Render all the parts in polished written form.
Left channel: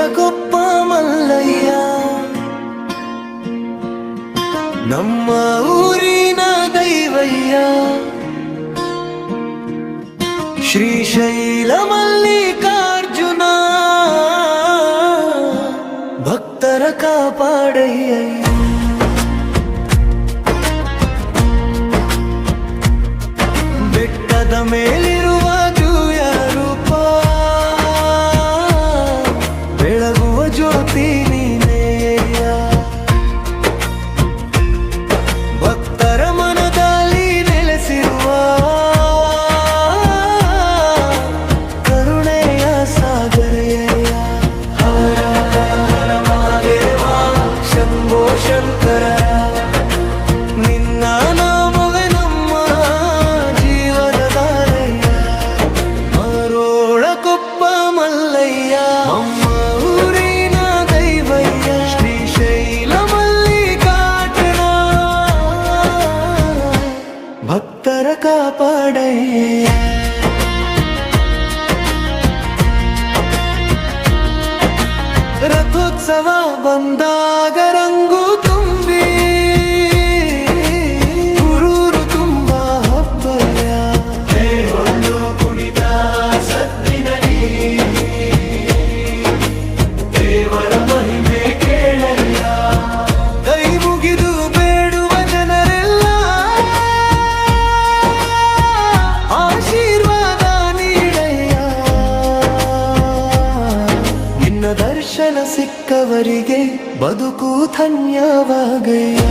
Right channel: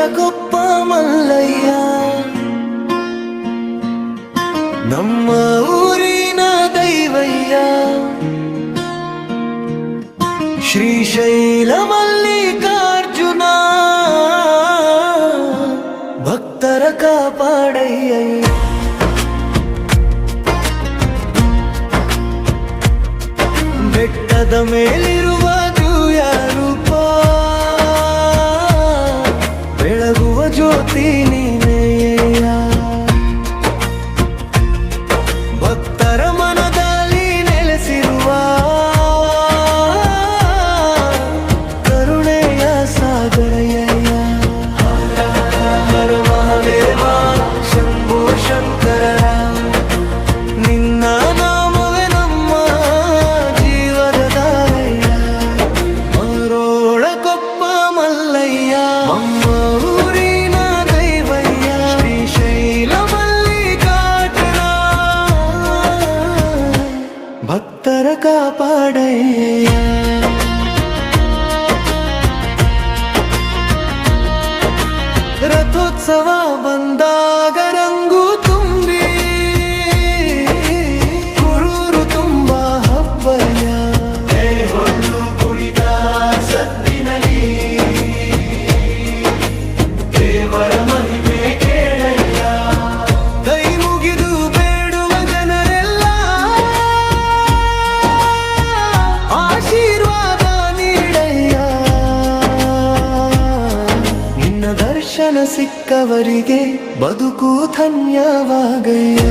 ಮರೋಳಕೊಪ್ಪ ಮಲ್ಲಯ್ಯ ನಮ್ಮ ಊರಿನ ದೈವಯ್ಯ ಶ್ರೀಶೈಲ ಮಲ್ಲಿಕಾರ್ಜುನ ಭಕ್ತರ ಕಾಪಾಡಯ್ಯ ಬೆಟ್ಟದ ಮೇಲಿರುವ ದಿವ್ಯ ರೂಪ ಬೆಳಗುವ ಜ್ಯೋತಿ ನೀನೆಯ ಭಕ್ತರ ಮನದಲ್ಲಿ ನೆಲೆಸಿರುವ ಕರುಣೆಯ ಸಾಗರಯ್ಯ ಹರ ಹರ ಮಹಾದೇವ ಶಂಭೋ ಶಂಕರ ನಿನ್ನ ನಾಮವೇ ನಮ್ಮ ಜೀವದ ದಾರಯ್ಯ ಮರೋಳಕೊಪ್ಪ ಮಲ್ಲಯ್ಯ ನಮ್ಮ ಊರಿನ ದೈವಯ್ಯ ಶ್ರೀಶೈಲ ಮಲ್ಲಿಕಾರ್ಜುನ ಭಕ್ತರ ಕಾಪಾಡಯ್ಯ ರಥೋತ್ಸವ ಬಂದಾಗ ರಂಗು ತುಂಬಿ ಊರೂರು ತುಂಬ ಹಬ್ಬಯ್ಯ ದೇವರ ಮಹಿಮೆ ಕೇಳಯ್ಯ ಕೈ ಮುಗಿದು ಬೇಡುವ ಜನರೆಲ್ಲ ಆಶೀರ್ವಾದ ನೀಡಯ್ಯ ನಿನ್ನ ದರ್ಶನ ಸಿಕ್ಕವರಿಗೆ ಬದುಕು ಧನ್ಯವಾಗಯ್ಯ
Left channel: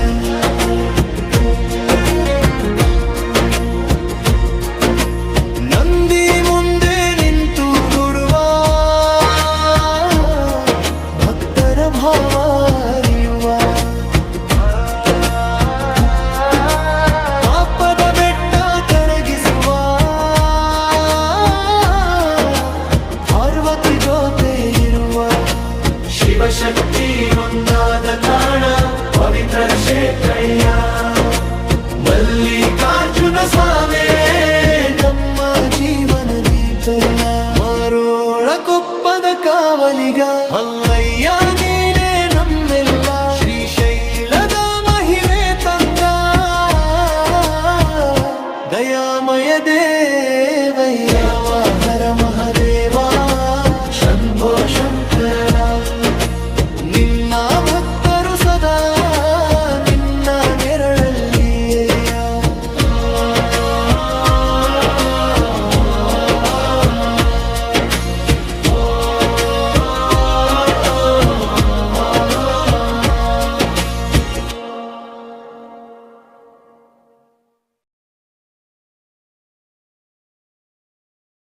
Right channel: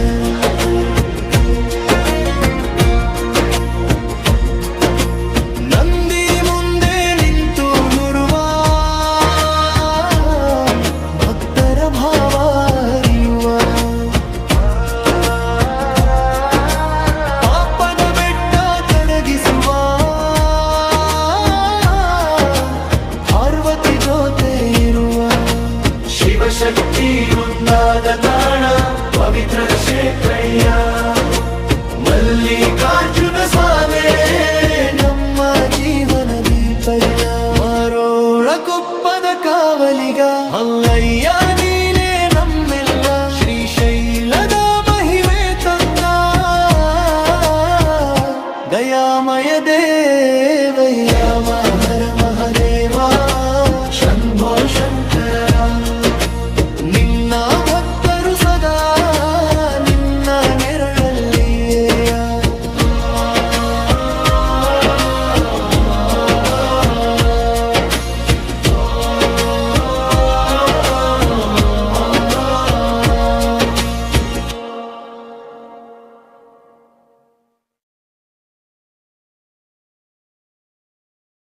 ನಂದಿ ಮುಂದೆ ನಿಂತು ನುಡುವ ಭಕ್ತರ ಭಾವ ಅರಿಯುವ ಪಾಪದ ಬೆಟ್ಟ ಕರಗಿಸುವ ಪಾರ್ವತಿ ಜೊತೆ ಇರುವ ಶಿವಶಕ್ತಿ ಒಂದಾದ ತಾಣ ಪವಿತ್ರ ಕ್ಷೇತ್ರಯ್ಯ ಮಲ್ಲಿಕಾರ್ಜುನ ಸ್ವಾಮಿ ನಮ್ಮ ಜೀವನ ದೀಪಯ್ಯ ಮರೋಳಕೊಪ್ಪದ ಕಾವಲಿಗ ಅಲ್ಲಯ್ಯ ನೀನೇ ನಮ್ಮೆಲ್ಲ ಶ್ರೀಶೈಲದ ಮಹಿಮೆ ತಂದ ದಯಾಮಯ ದೇವಯ್ಯ ಹರ ಮಹಾದೇವ ಶಂಭೋ ಶಂಕರ ನಿನ್ನ ಭಕ್ತರು ಸದಾ